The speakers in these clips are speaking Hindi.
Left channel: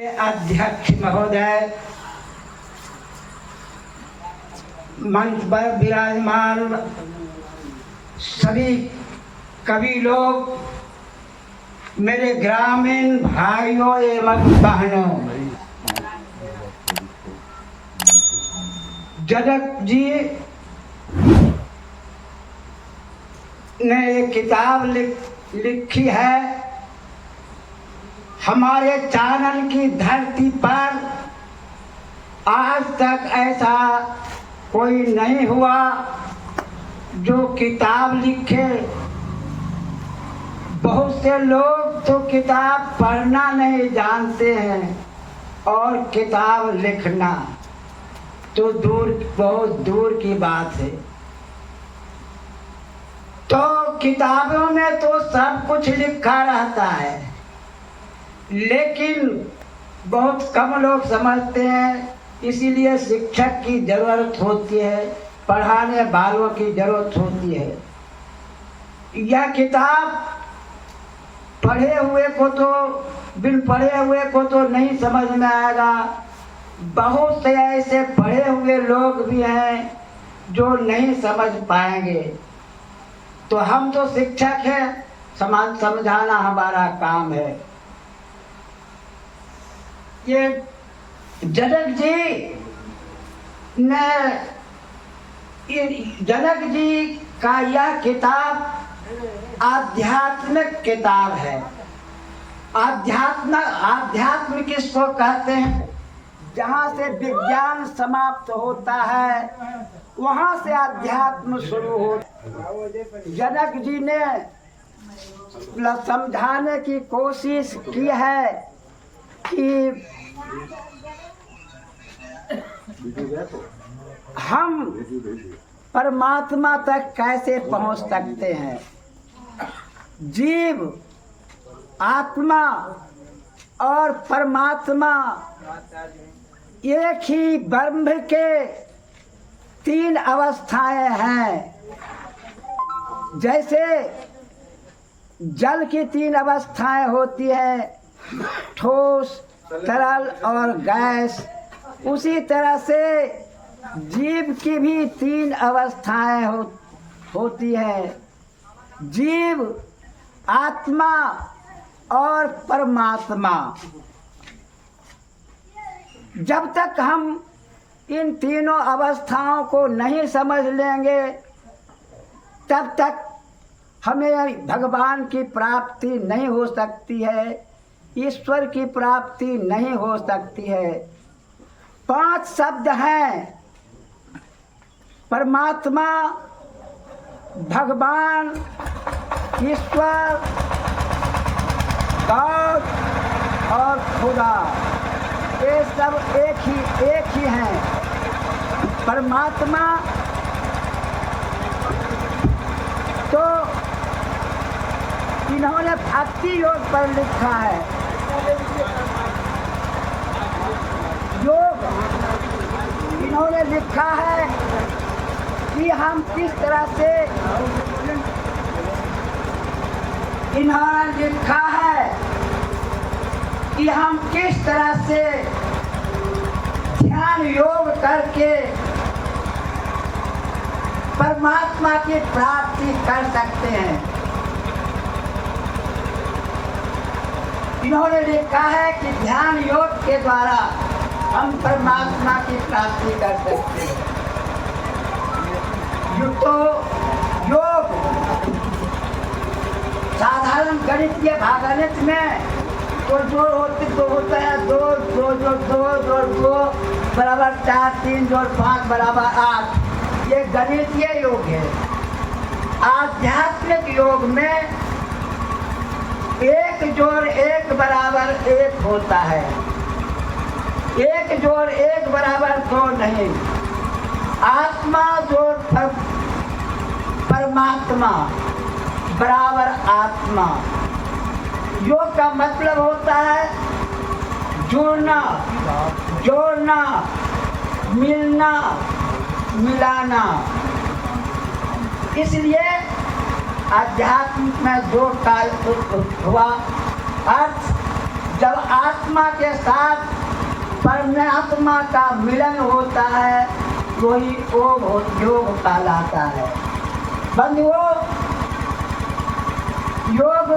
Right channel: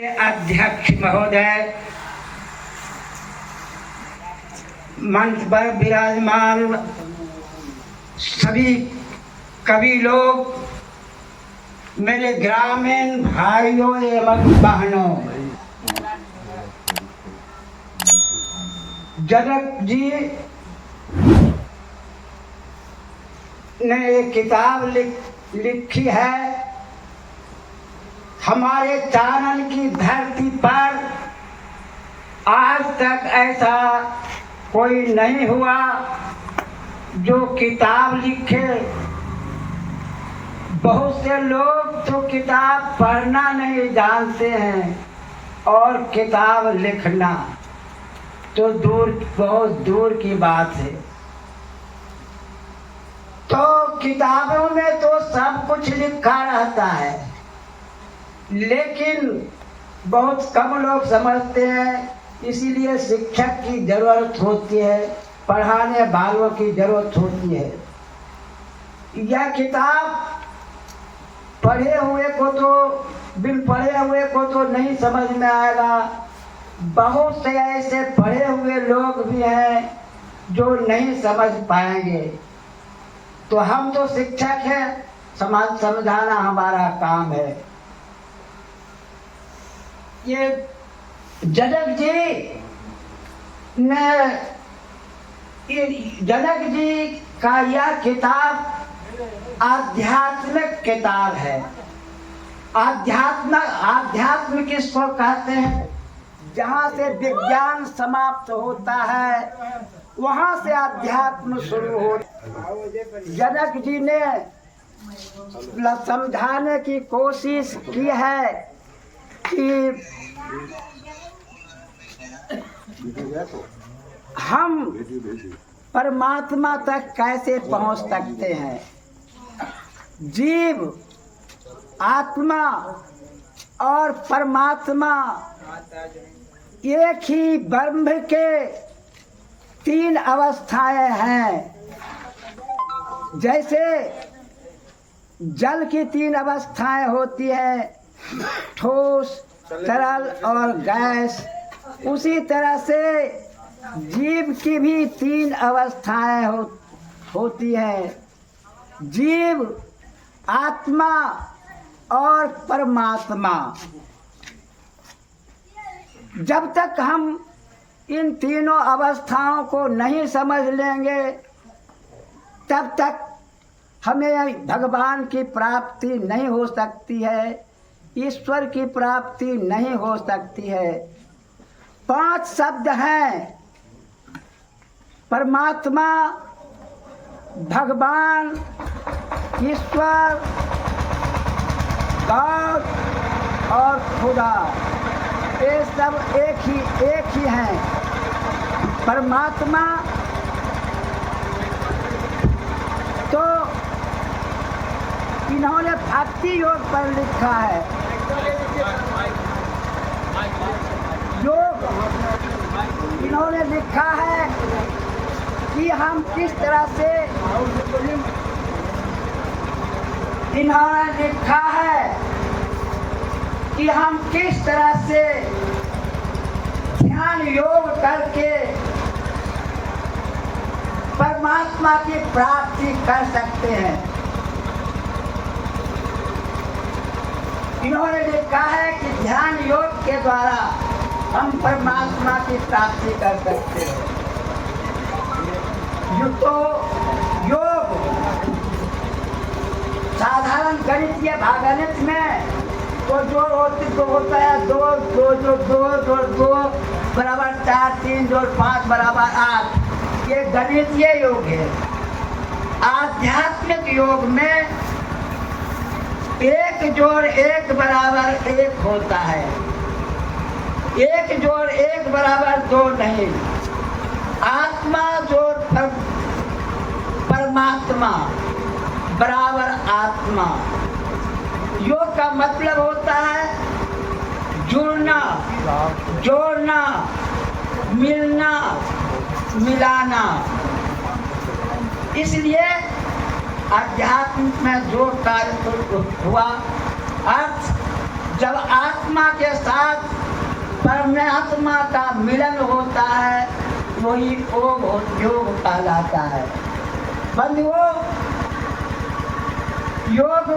अध्यक्ष महोदय, मंच पर विराजमान सभी कवि लोग, मेरे ग्रामीण भाइयों एवं बहनों, जनक जी ने एक किताब लिखी है। हमारे चानन की धरती पर आज तक ऐसा कोई नहीं हुआ जो किताब लिखे। बहुत से लोग तो किताब पढ़ना नहीं जानते हैं और किताब लिखना तो बहुत दूर की बात है। तो किताबों में तो सब कुछ लिखा रहता है, लेकिन बहुत कम लोग समझते हैं। इसीलिए शिक्षक की जरूरत होती है, पढ़ाने वालों की जरूरत होती है। यह किताब पढ़े हुए को तो बिन पढ़े हुए को तो नहीं समझ में आएगा। बहुत से ऐसे पढ़े हुए लोग भी हैं जो नहीं समझ पाएंगे। तो हम तो शिक्षक हैं, समझाना हमारा काम है। ये जनक जी का यह किताब आध्यात्मिक किताब है। आध्यात्म किसको कहते हैं? जहाँ से विज्ञान समाप्त होता है वहाँ से अध्यात्म शुरू होता। जनक जी ने समझाने की कोशिश की है कि हम परमात्मा तक कैसे पहुंच सकते हैं। जीव, आत्मा और परमात्मा एक ही ब्रह्म के तीन अवस्थाएं हैं। जैसे जल की तीन अवस्थाएं होती है, ठोस, तरल और गैस, उसी तरह से जीव की भी तीन अवस्थाएं होती है। जीव, आत्मा और परमात्मा। जब तक हम इन तीनों अवस्थाओं को नहीं समझ लेंगे तब तक हमें भगवान की प्राप्ति नहीं हो सकती है, ईश्वर की प्राप्ति नहीं हो सकती है। 5 शब्द हैं: परमात्मा, भगवान, ईश्वर, गॉड और खुदा। ये सब एक ही हैं। परमात्मा तो इन्होंने भक्ति योग पर लिखा है। योग इन्होंने लिखा है कि हम किस तरह से, इन्होंने लिखा है कि हम किस तरह से ध्यान योग करके परमात्मा की प्राप्ति कर सकते हैं। इन्होंने लिखा है कि ध्यान योग के द्वारा हम परमात्मा की प्राप्ति कर सकते हैं। योग साधारण गणितीय भागगणित में तो जो होता है 2 बराबर 4, 3 जोड़ 5 बराबर 8। ये गणितीय योग है। आध्यात्मिक योग में 1 जोड़ 1 बराबर 1 होता है। 1 जोड़ 1 बराबर 2 नहीं। आत्मा जोड़ परमात्मा बराबर आत्मा। योग का मतलब होता है जुड़ना, जोड़ना, मिलना, मिलाना। इसलिए अध्यात्म में जो कार्य हुआ, अर्थ जब आत्मा के साथ परमात्मा का मिलन होता है वही योग कहलाता है। बंधुओं, योग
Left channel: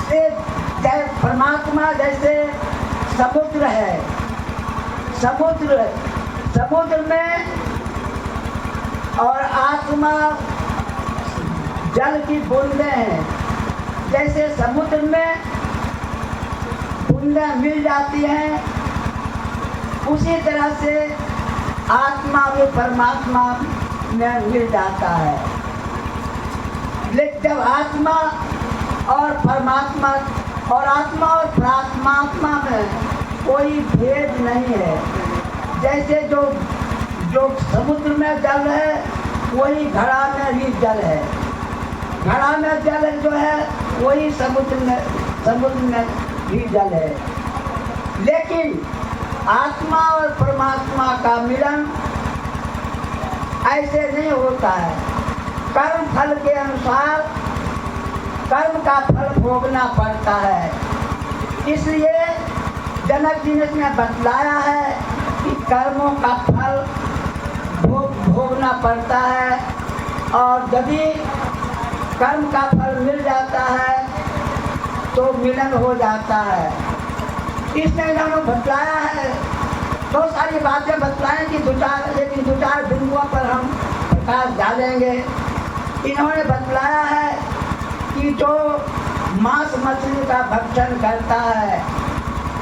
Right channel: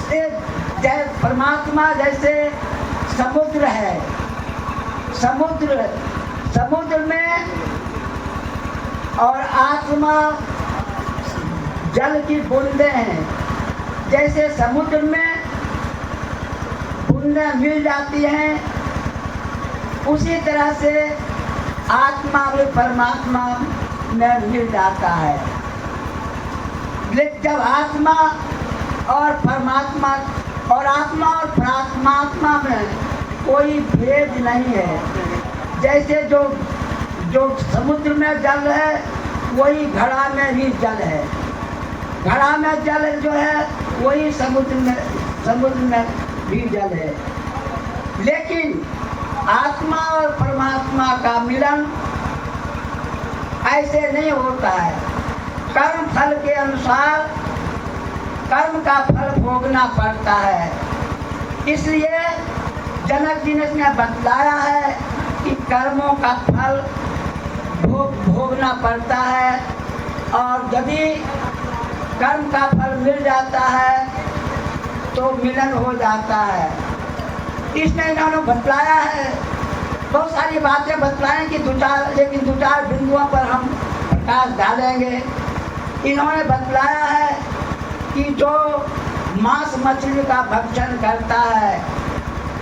से परमात्मा जैसे समुद्र है, समुद्र में और आत्मा जल की बूंदें हैं। जैसे समुद्र में बूंदें मिल जाती हैं उसी तरह से आत्मा भी परमात्मा में मिल जाता है। लेकिन जब आत्मा और परमात्मा और आत्मा और परमात्मा में कोई भेद नहीं है। जैसे जो समुद्र में जल है वही घड़ा में भी जल है, घड़ा में जल जो है वही समुद्र में भी जल है। लेकिन आत्मा और परमात्मा का मिलन ऐसे नहीं होता है। कर्म फल के अनुसार कर्म का फल भोगना पड़ता है। इसलिए जनक जी ने बतलाया है कि कर्मों का फल भोगना पड़ता है और यदि कर्म का फल मिल जाता है तो मिलन हो जाता है। इसने इन्होंने बतलाया है, बहुत सारी बातें बतलाएं कि लेकिन दो चार बिंदुओं पर हम प्रकाश डालेंगे। इन्होंने बतलाया है कि जो मांस मछली का भक्षण करता है,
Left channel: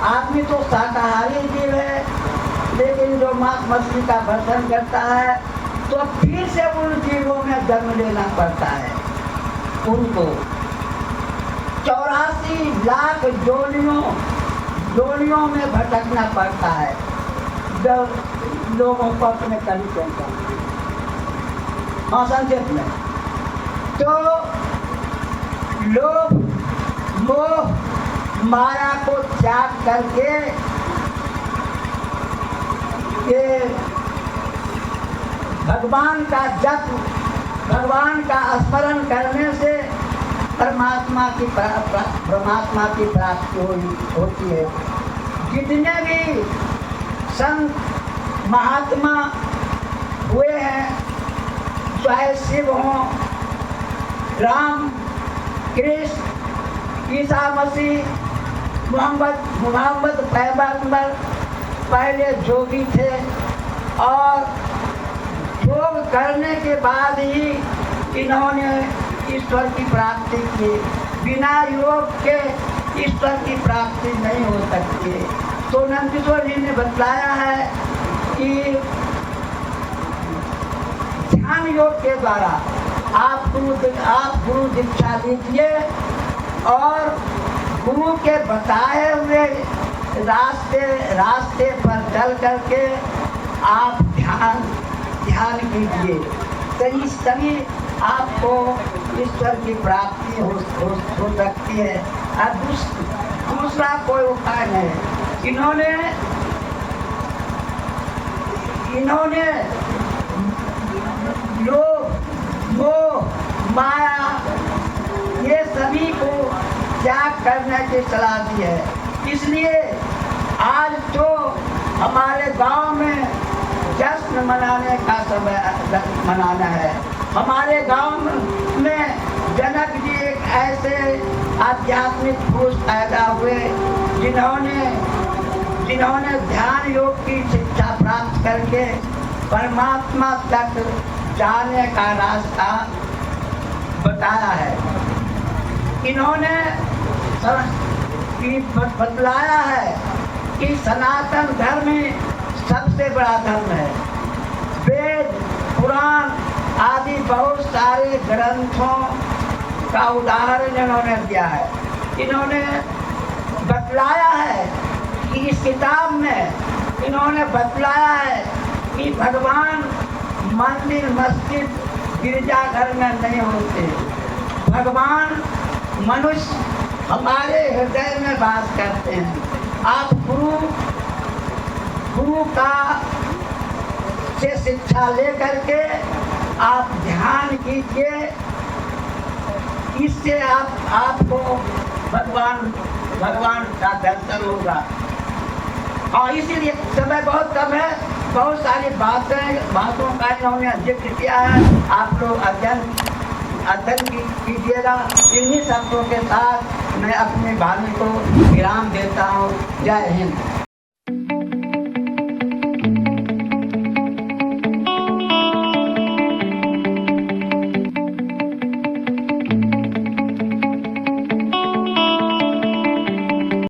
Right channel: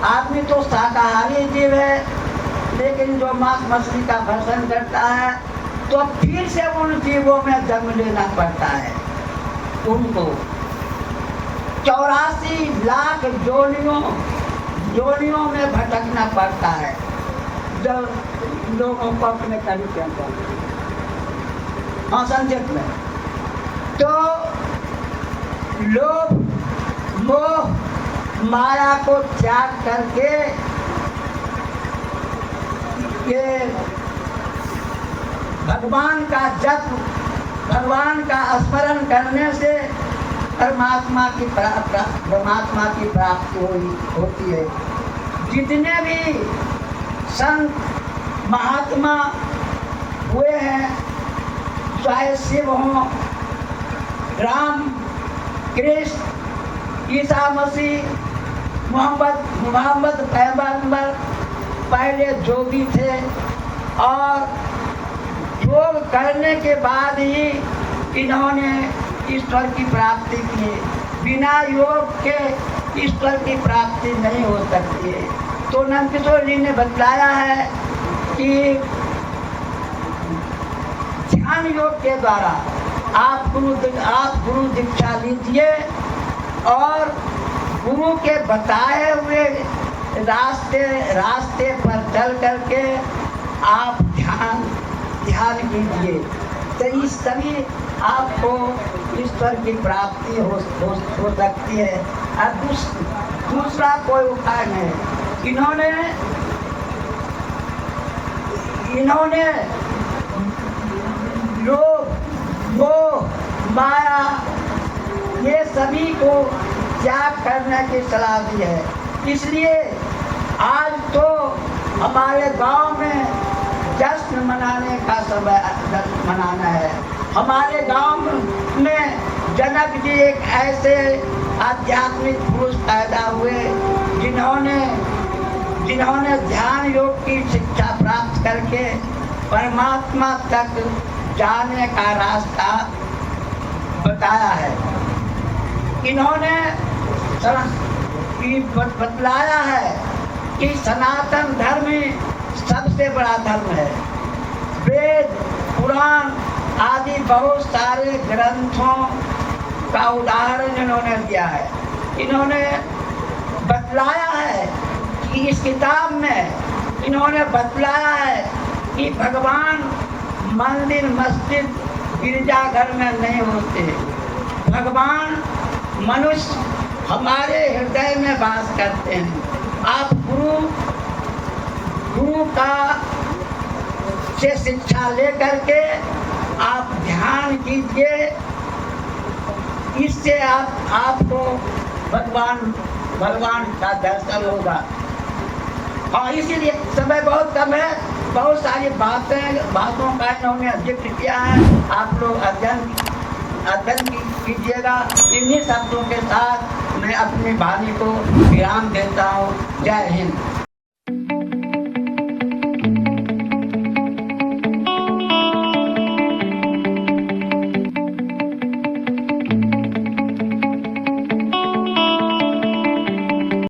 आदमी तो शाकाहारी जीव है, लेकिन जो मांस मछली का भक्षण करता है तो फिर से उन जीवों में जन्म लेना पड़ता है। उनको 84 लाख जोनियों में भटकना पड़ता है जो लोगों को अपने कभी कहता है। हाँ, संक्षेप में तो लोभ मोह माया को त्याग करके ये भगवान का जप, भगवान का स्मरण करने से परमात्मा की प्राप्ति होती है। जितने भी संत महात्मा हुए हैं, चाहे शिव हों, राम, कृष्ण, ईसा मसीह, मोहम्मद पैगंबर पहले जोगी थे और योग करने के बाद ही इन्होंने ईश्वर की प्राप्ति की। बिना योग के ईश्वर की प्राप्ति नहीं हो सकती। तो नंदकिशोर जी ने बतलाया है कि ध्यान योग के द्वारा आप गुरु दीक्षा लीजिए और गुरु के बताए हुए रास्ते पर चल करके आप ध्यान कीजिए, तो इस तभी आपको ईश्वर की प्राप्ति हो सकती है। और दूसरा कोई उपाय नहीं। इन्होंने लोभ मोह माया ये सभी को त्याग करने की सलाह दी है। इसलिए आज तो हमारे गांव में जश्न मनाने का समय मनाना है। हमारे गांव में जनक जी एक ऐसे आध्यात्मिक पुरुष पैदा हुए जिन्होंने ध्यान योग की शिक्षा प्राप्त करके परमात्मा तक जाने का रास्ता बताया है। इन्होंने बतलाया है कि सनातन धर्म ही सबसे बड़ा धर्म है। वेद पुराण आदि बहुत सारे ग्रंथों का उदाहरण इन्होंने दिया है। इन्होंने बतलाया है कि इस किताब में इन्होंने बतलाया है कि भगवान मंदिर मस्जिद गिरजाघर में नहीं होते। भगवान मनुष्य हमारे हृदय में वास करते हैं। आप गुरु का से शिक्षा लेकर के आप ध्यान कीजिए। इससे आपको भगवान का दर्शन होगा। हाँ, इसीलिए समय बहुत कम है, बहुत सारी बातों का इन्होंने जिक्र किया है। आप लोग अध्ययन कीजिएगा। इन्हीं शब्दों के साथ मैं अपनी वाणी को विराम